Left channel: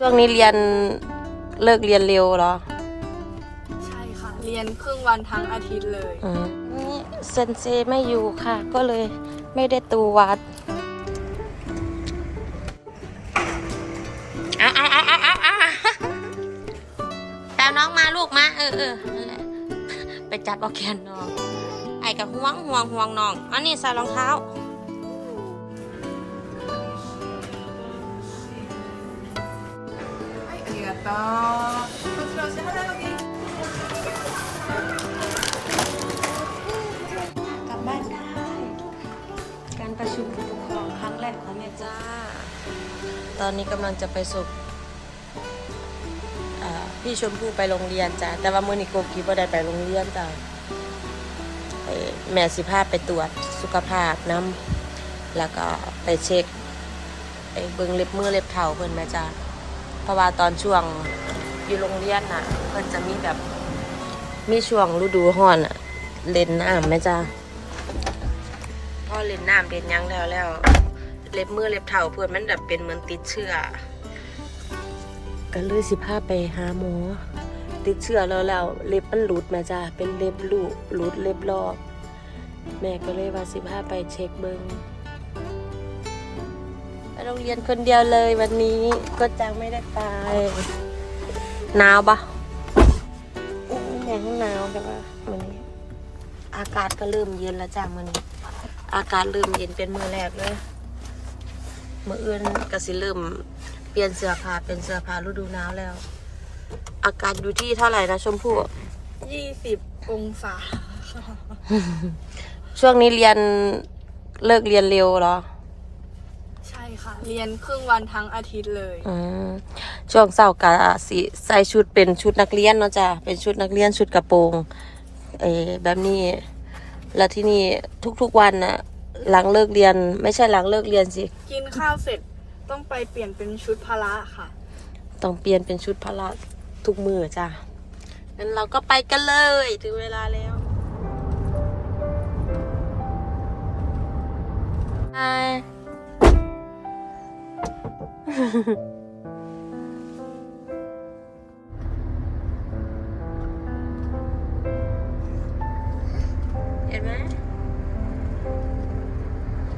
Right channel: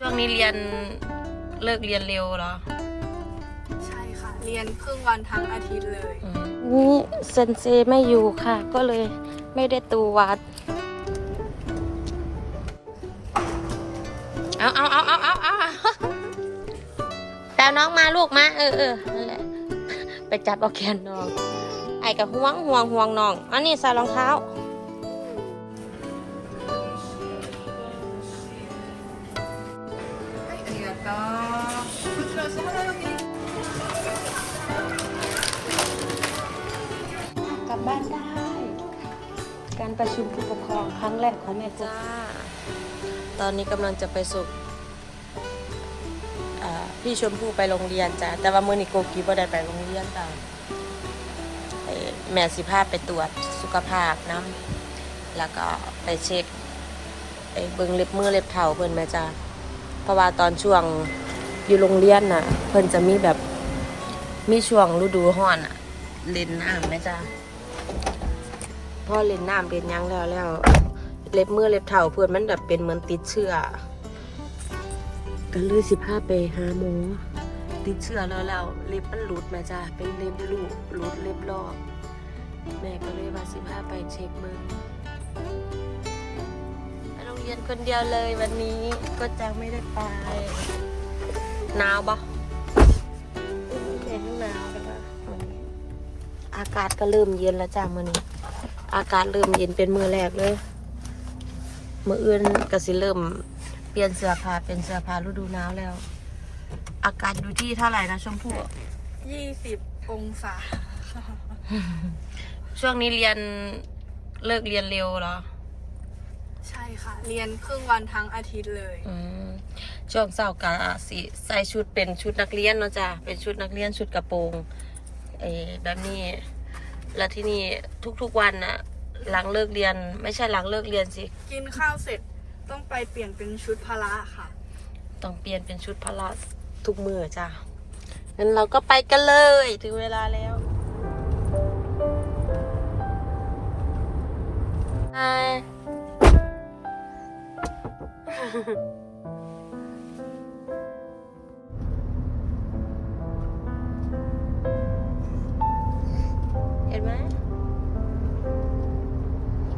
ช่วงนี้เรียนเลิกเรียนเร็วเหรอ ใช่ค่ะ เรียนครึ่งวันทั้งอาทิตย์เลยอืมนี่เซนเซไม่อยู่ค่ะ ก็เลยไม่ได้ตูวัด เอาเอาเอาเอาเอาเอาตามน้องมาลูกมา เออเออนั่นแหละไปจับเอาแขนน้อง ไอ้กับห่วงห่วงห่วงน้อง อันนี้ใส่รองเท้า ประชุมผู้ปกครองครั้งแรกของแม่จ้า ตอนนี้กำลังจะไปส่งอ่าพี่ชมพู่ไปโรงเรียนจ้าแต่ว่ามือนิโกกีบ่ได้ไปโรงเรียนจ้าเอ่อแม่สิพาไปตรวจสุขภาพน้ำแล้วก็ไปเช็คไอ้เบิ่งเล็บมือเล็บเท้าเพิ่นแม่จ้าเพราะว่าตอนช่วงอยู่โรงเรียนน่ะ เพิ่นจะมีแบบมีช่วงฤดูร้อนอะเล่นน้ำแม่จ้า พ่อเล่นน้ำเล่นยังแล้วแล้ว เล็บมือเล็บเท้าเพื่อนมันแบบเป็นเหมือนติดเชื้อก็เลยสิพาไปหาหมอติดเชื้อแล้วแล้วเล็บมันหลุดมาจ้าเป็นเล็บลูกหลุดเล็บลอกแม่ก็เลยว่าสิพาไปเช็คเบิ้งไปโรงเรียนคนเดียวเลยวันนี้ก็จังไม่ได้ไปหนาวปะอุ้ยแม่งหนาวกันแล้วมันอากาศก็เริ่มเย็นแล้วจ้ามื้อนี้ อากาศเริ่มเย็นเป็นมือแรกเลยมืออื่นก็สิเริ่ม เปลี่ยนเสื้อผ้าเป็นเสื้อผ้าฤดูหนาวแล้ว อากาศอยู่ที่เท่าไหร่นะชมพู่20องศา ช่วงนี้เรียนเลิกเรียนเร็วเหรอ ใช่ค่ะ เรียนครึ่งวันทั้งอาทิตย์เลยอืมช่วงเสาร์กะสิใส่ชุดเป็นชุดนักเรียนเนาะจ้ะเป็นชุดนักเรียนชุดกระโปรงเออแบบนี้ แล้วที่นี่ทุกๆวันอะหลังเลิกเรียน ไม่ใช่หลังเลิกเรียนสิ กินข้าวเสร็จต้องไปเปลี่ยนเป็นชุดพละค่ะ ต้องเปลี่ยนเป็นชุดพละทุกมือจ้ะงั้นเราก็ไปกันเลยถึงเวลาแล้วไฮ ไหม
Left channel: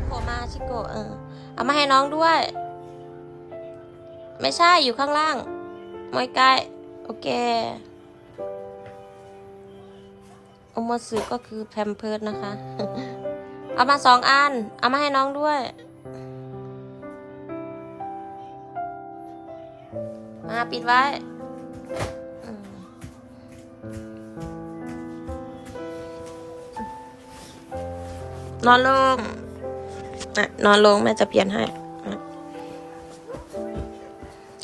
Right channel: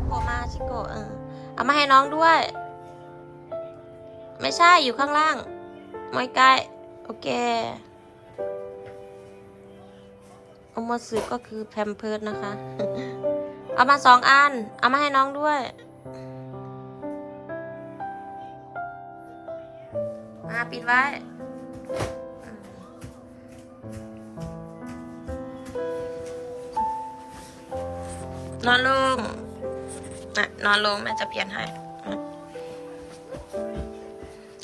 โผมาชิโกเออ เอามาให้น้องด้วย ไม่ใช่อยู่ข้างล่างไม่ใกล้โอเคเอมาซื้อก็คือแพมเพิร์ดนะคะ เอามาสองอัน เอามาให้น้องด้วย มาปิดไว้ นอนลงอะนอนลงแม่จะเปลี่ยนให้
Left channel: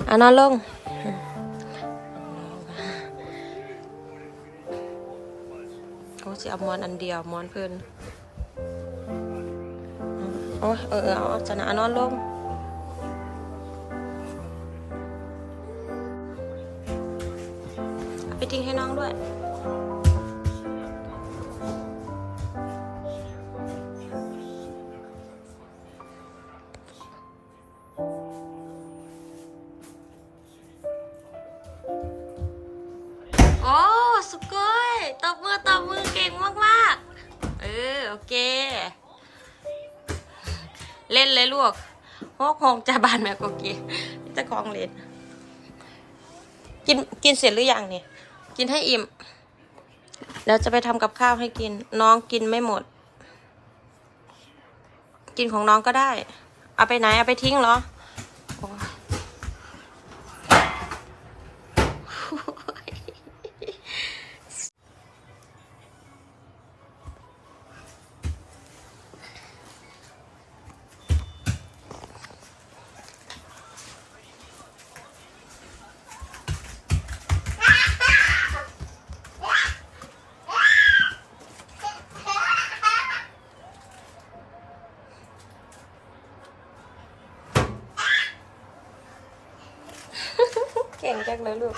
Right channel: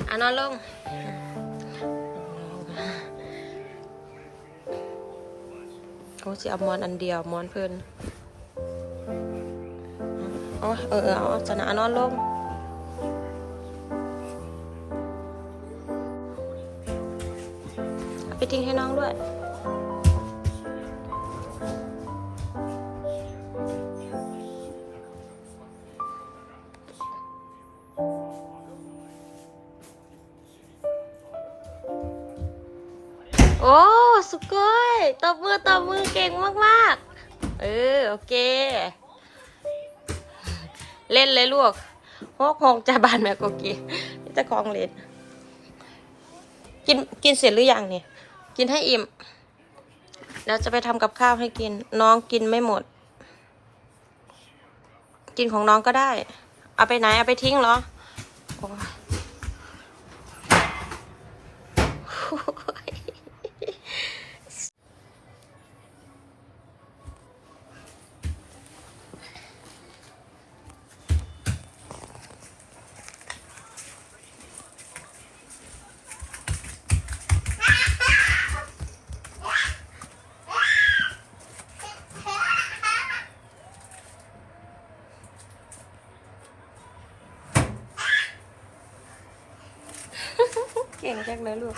อะนอนลงโอ้สิเอามอนอันเดียวมอนเพิ่นโอ้เออเออเอาจะนะนอนลงไปทิ้งให้น้องด้วย หกหกจะบานแม่กกีนี่จะของเล่นกินกินเสร็จหรือยังเนี่ย กินให้อิ่ม แล้วจะไปทำกับข้าวให้กิน น้องกินไม่หมด กินของน้องก็ได้ เอาไปไหน เอาไปทิ้งเหรอโอ้ย เก่งจังเลยลูก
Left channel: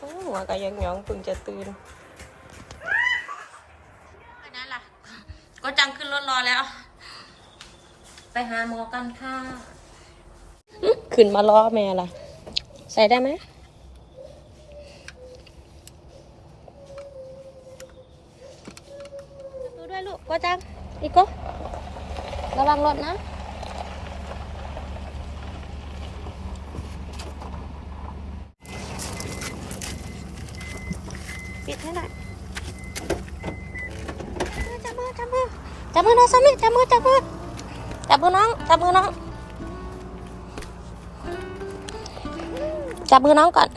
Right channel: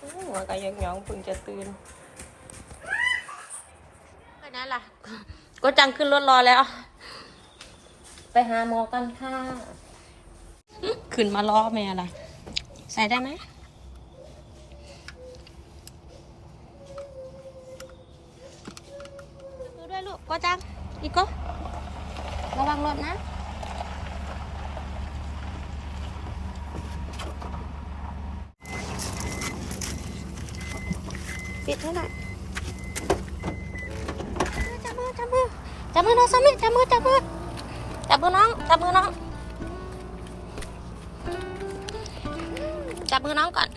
อื้อหัวก็ยังหยองเพิ่งจะตื่นไปไหนล่ะ ก็จังขึ้นรถรอแล้ว ไปหาหมอกันค่ะ ขึ้นมารอแม่ล่ะ ใส่ได้ไหมดูด้วยลูกก็จังอีกก็ระวังรถนะ ปิดให้หน่อยจับมือจับมือจับมือน้องสามีจับมือจับมือจับมือน้องจับมือน้องจับมือน้องก่อน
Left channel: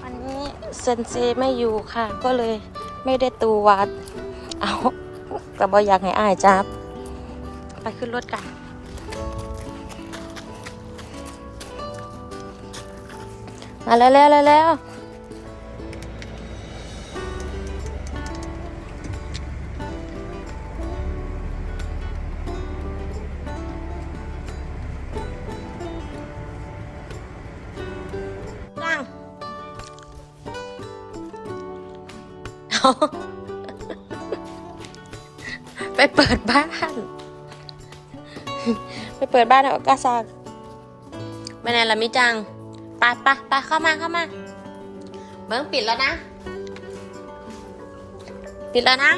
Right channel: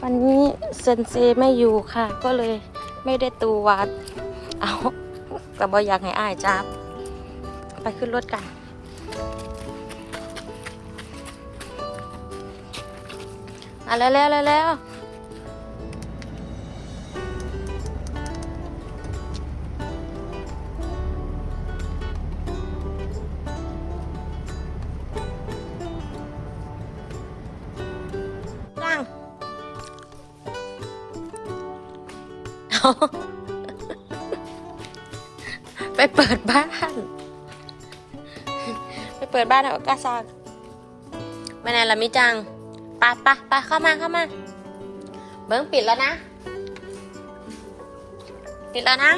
วันนี้เซนเซไม่อยู่ค่ะ ก็เลยไม่ได้ตูวัด เอาก็บออยากให้อายจับ ไปขึ้นรถกัน มาแล้วแล้วแล้วแล้วนั่งเอาไปเปิดบ้าน ไปเปิดบ้านให้โอกาซากไม่นานละมิจังไปไปไปเข้ามาเข้ามา เบิ้งปิดแล้วนะ ปิดแล้วนะ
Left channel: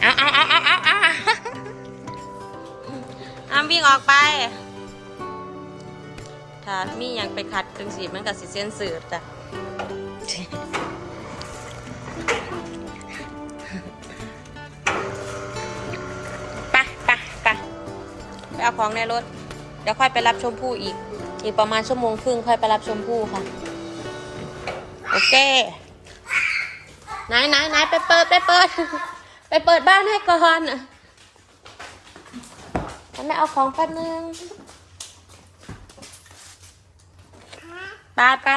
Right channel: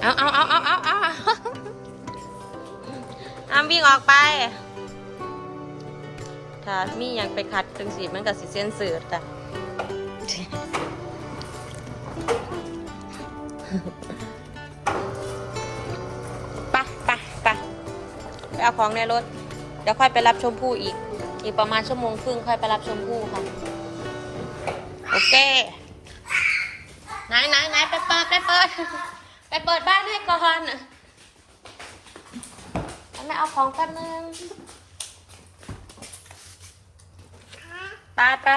เอาเอาเอาเอาเอาเอาเอาวิ่งออกไป ถ้ามีอย่างไปขัดตึงสีมันกับสีเส้นสื่อจ้ะ เอาของในรถ เดี๋ยวค่อยไปรับชมพู่อีก อีกประมาณชั่วโมงครึ่งค่อยไปรับชมพู่ค่ะ โอเค ไหนไหนไหนไปเปิดไปเปิด ไปเปิดบ้านให้ก่อนฉันไม่เอาของแป๊บนึงไปไป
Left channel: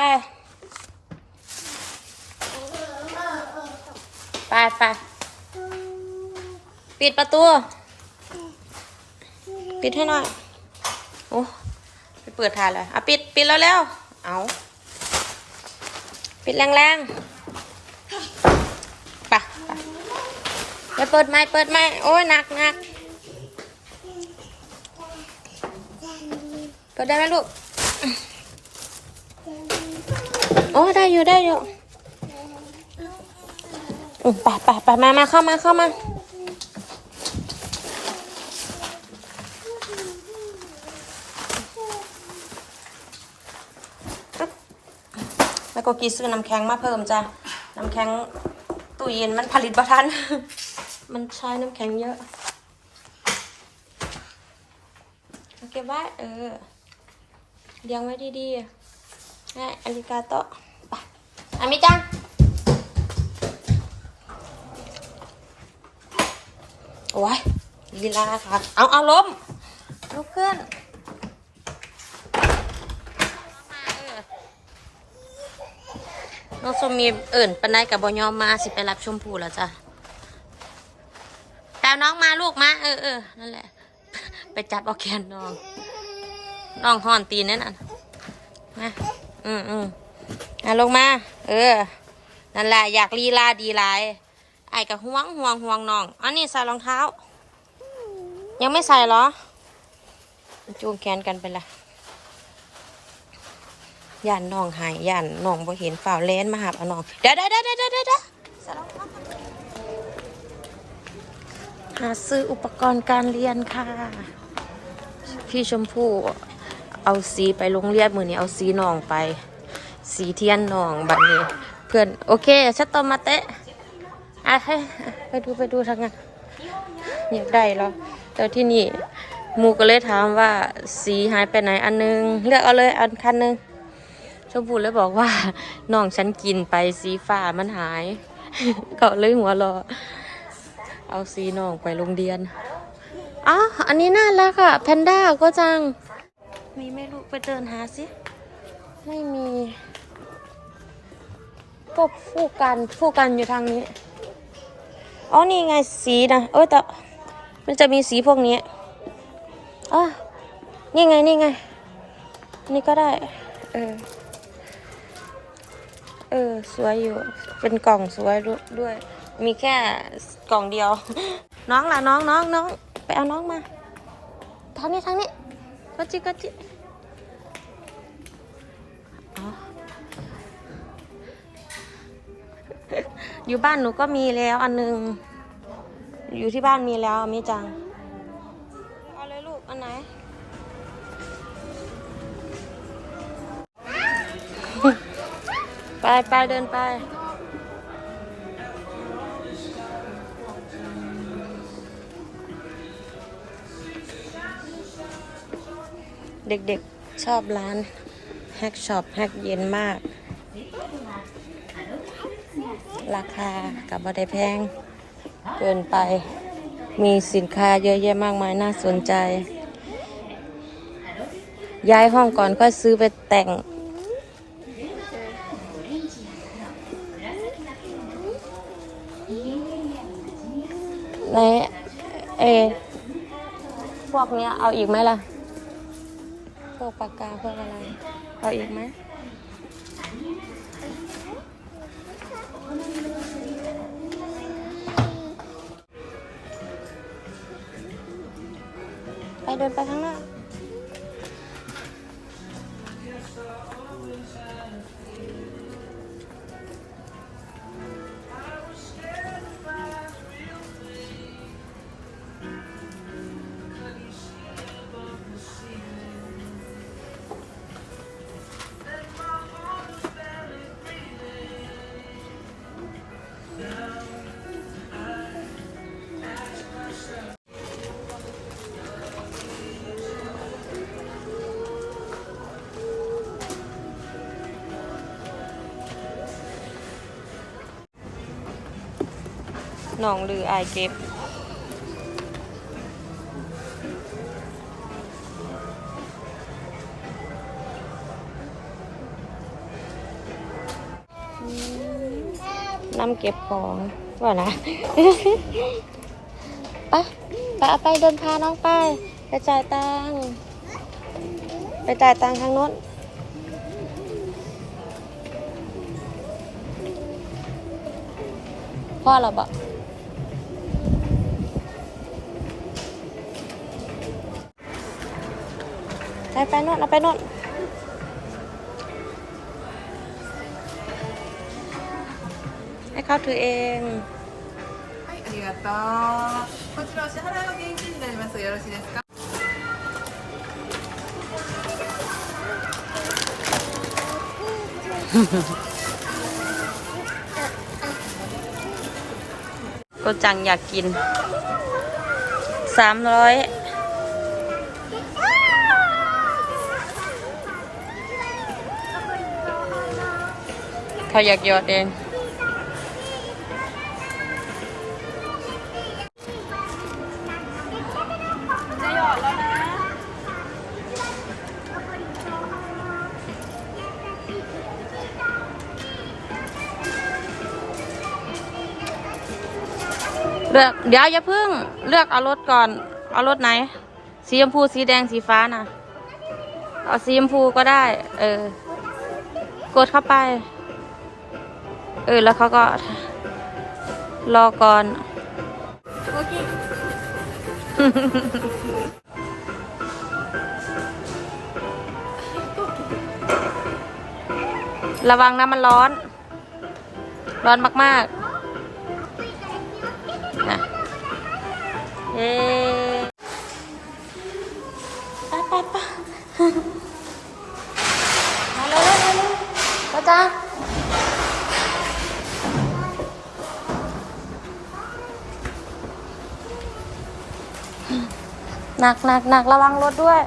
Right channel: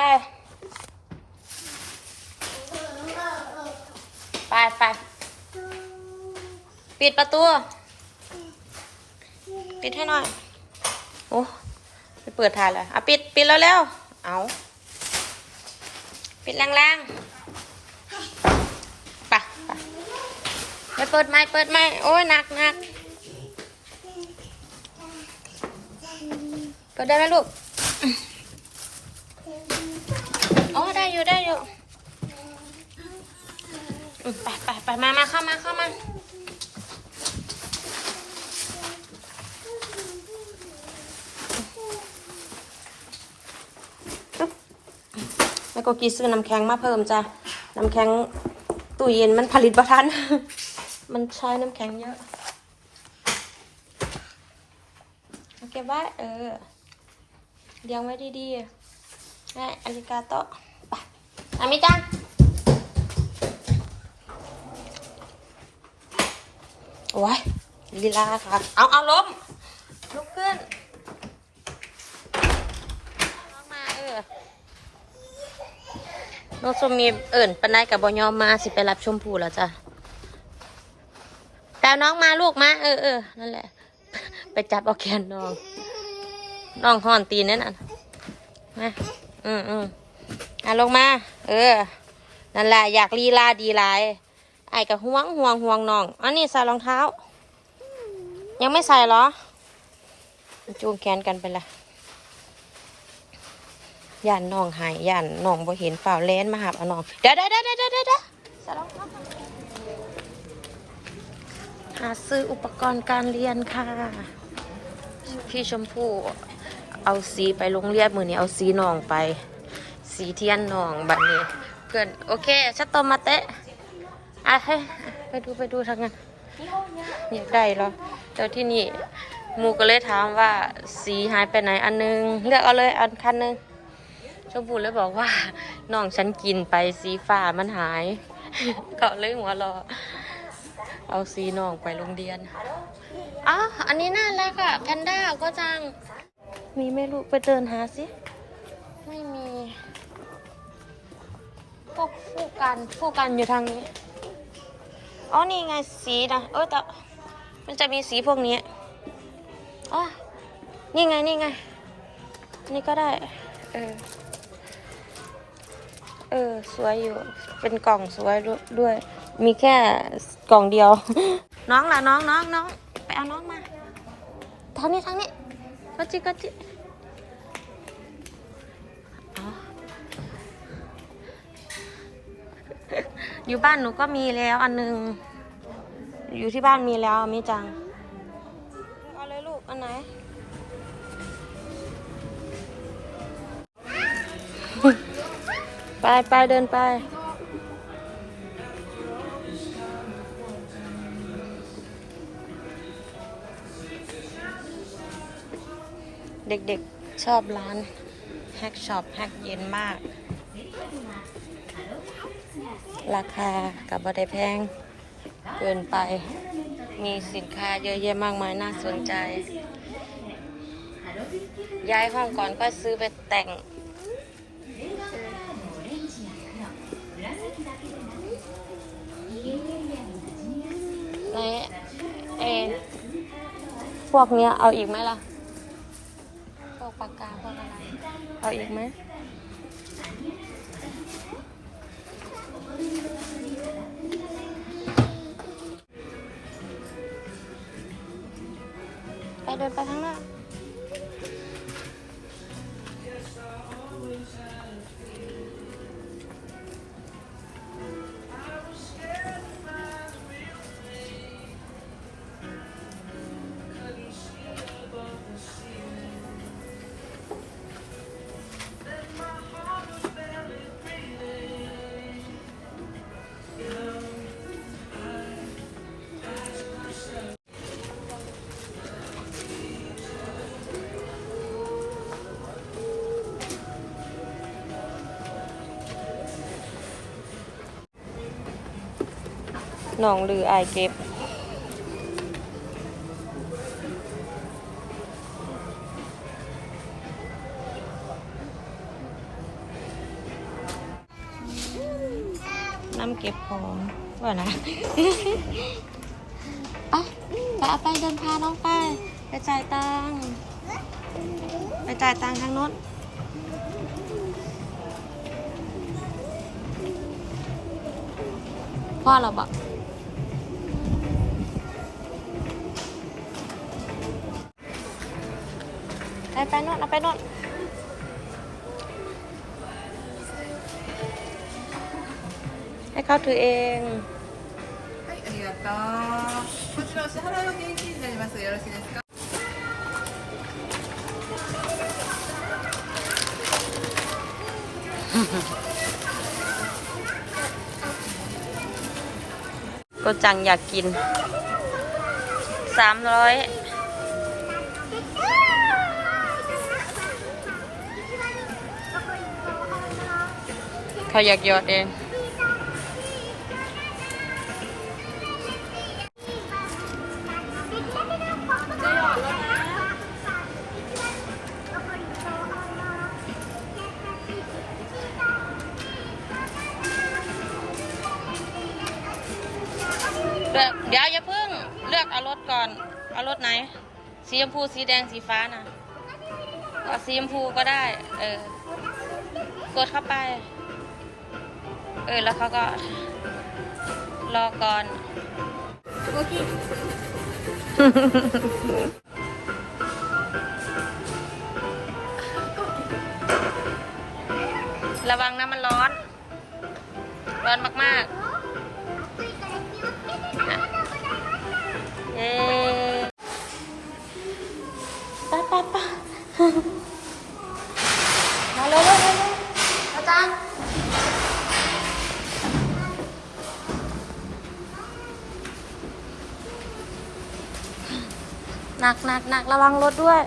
ไปไปปิดประตู ปิดให้หน่อย โอ้ไปเปิดทานเลยอะปิด ปิดแล้วแล้ว เอา ปิดแรงๆไปไปไปเปิดไม้เปิดไม้โอ้ยหนักหนักเปิดได้ไหมลูก โอ้ยได้อยู่ได้อยู่อืมไปไปไปมามาเข้ามาเข้ามา แล้ว ก็กีซื้อน้ำแข็งมาเพิ่มจ้ะน้ำแข็งตู้เย็นมันผลิตประทัน มันใช้น้ำแข็งเยอะเอเก็บไว้เออเลี้ยงไว้ดีๆแม่อาริกาโตะไปอามิจังโอ้ยลีลาค่ะ เอาเอาล้มลุกขึ้นลงมาเออ น้องสมมีเอิ่นปันได้กับบอยอมมาสิไปรับชมพูแล้วจ้ะตาน้องมาลูกมาเออเออนั่นแหละ ไปจับเอาแขนน้อง น้องห่อนตีนนั่นน่ะมาอืมอืมอะลงมา เออ นั่นแหละอยากลีลาดีหลาย ไอ้กับห่วงห่วงห่วงน้องอันนี้ใส่รองเท้า ยังไม่ใส่เหรอจูงแขนกันไปละ ย่านน้องหายย่านน้องบ่เห็นฝ่าวแลนมาหาเอาน้องเดี๋ยวเดี๋ยวเดี๋ยวเดี๋ยวเดี๋ยวเดี๋ยวใส่รองเท้าก่อนหาซื้ออุปกรณ์การเรียนค่ะ พี่ชมพู่เอาสีไปโรงเรียนมือนี้เอาสีน้องไป สีเทียนน้องบัดนี้ เพื่อนโอเคชัดตอมาเตะอะให้ไปดูไปดูทางนั้นอยากได้แล้วแต่ที่นี่มูก็เลยถามว่าสีหายไปไหนอันนึง เลือกเอาเลยอันคันนึง ชมพูเลยบอกว่าน้องฉันกินไปสีฟ้ามันหาย ก็เลยหัวรอ เอาสีน้องไปโรงเรียนอ๋ออันนี้น่ารักอะแพนด้าก็จัง มีไม่รู้ไปเดินหาสิ ไม่มีก็คู่กันคู่กันอยู่ทางนี้ อ๋อ นี่ไงสีนะเออแต่มันจะมีสีพวกนี้อ๋อนี่ไง นี่ไง นี่ก็ได้ เออ เออ สวยอยู่ เป็นกล่องสวยด้วย มีแค่กล่องเดียว น้องล่ะน้องน้องน้องไปเอาน้องมาทางนี้ทางนี้ก็จิก็จิอ๋อยู่บ้านหนูก็มีแล้วอันหนึง อยู่ที่บ้านมีแล้วมิจัง ไปไปเดินไปเด็กๆ ชอบร้านแฮกช็อปแฮกเย็นมาก ราคากับบัได้แพง เกินไป มีสินค้าเยอะแยะมากมายน่าสนใจ ย้ายห้องก่อนค่อยซื้อไปแต่ง ในเอพวกเนี้ยเอาอีกไหมล่ะ พวกปากกาพวกอะไร เอาอีกไหมไปเดินไปข้างหน้า หนองลืออายเก็บ น้ำเก็บของว่านะไปไปเอาไปเดินพาน้องไปไปจ่ายตังค์ไปจ่ายตังค์ทางนู้นพ่อเราบอก ไปไปโน่นเอาไปโน่นให้เขาถือเอง はい、ありがとう。こちらお支払いは現金になります。よろしいですか。 ก็จังอยากกิน สามร้อย เขาอยากหยอดเองเลือกเดี๋ยวอย่าพึ่งเลือกเอารถก่อน เอารถไหน สีชมพูสีแดงสีฟ้าน่ะเอาสีชมพูก็ได้ เออ กดเข้าไป เออ แล้วเขาก็ รอก่อน โอเค ระวังนะมันร้อน ร้อนมากๆนะเย้ไปไปไปมาเร็วเร็วเร็วเร็วอาจารย์ หนักหนักหนักระวังรถด้วย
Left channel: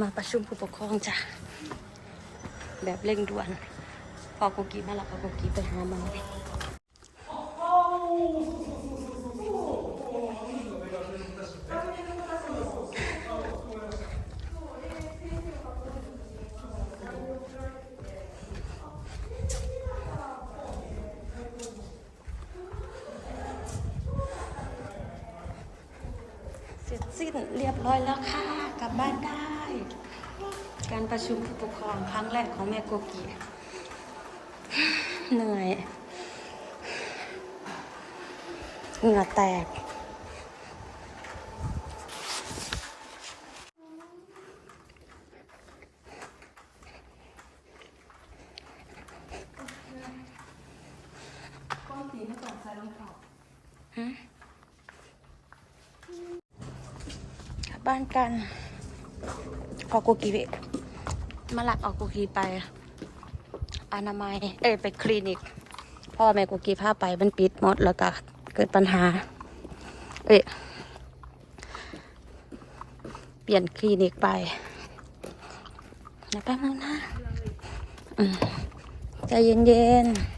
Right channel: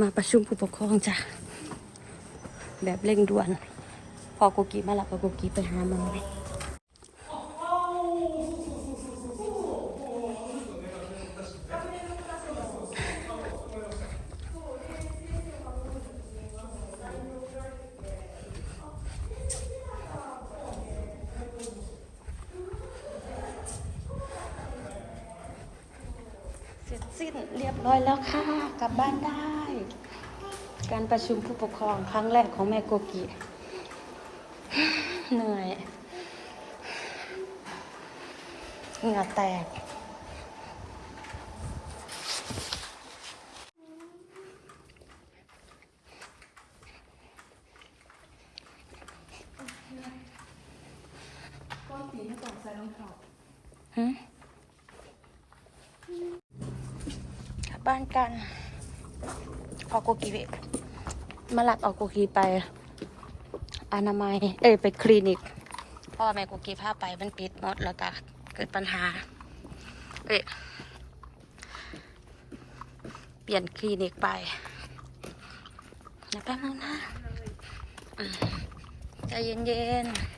มาประชุมผู้ปกครองจ้ะ แบบเร่งด่วน พอกูกีมาหลับไปกูกีไปหาหมอ เสร็จสิ้นเรียบร้อยแล้วค่ะ กลับบ้านได้ การประชุมผู้ปกครองครั้งแรกของแม่โกกีเหนื่อย เหงื่อแตก บ้านกันขอโกกีไปมาหลักเอาโกกีไปอนามัยเอ้ยไปคลินิก พ่อแม่โกกีพาไปมันปิดหมดแล้วก็เกิดปัญหา เอ้ยเปลี่ยนคลินิกไปนะแป๊บนึงนะใจเย็นๆ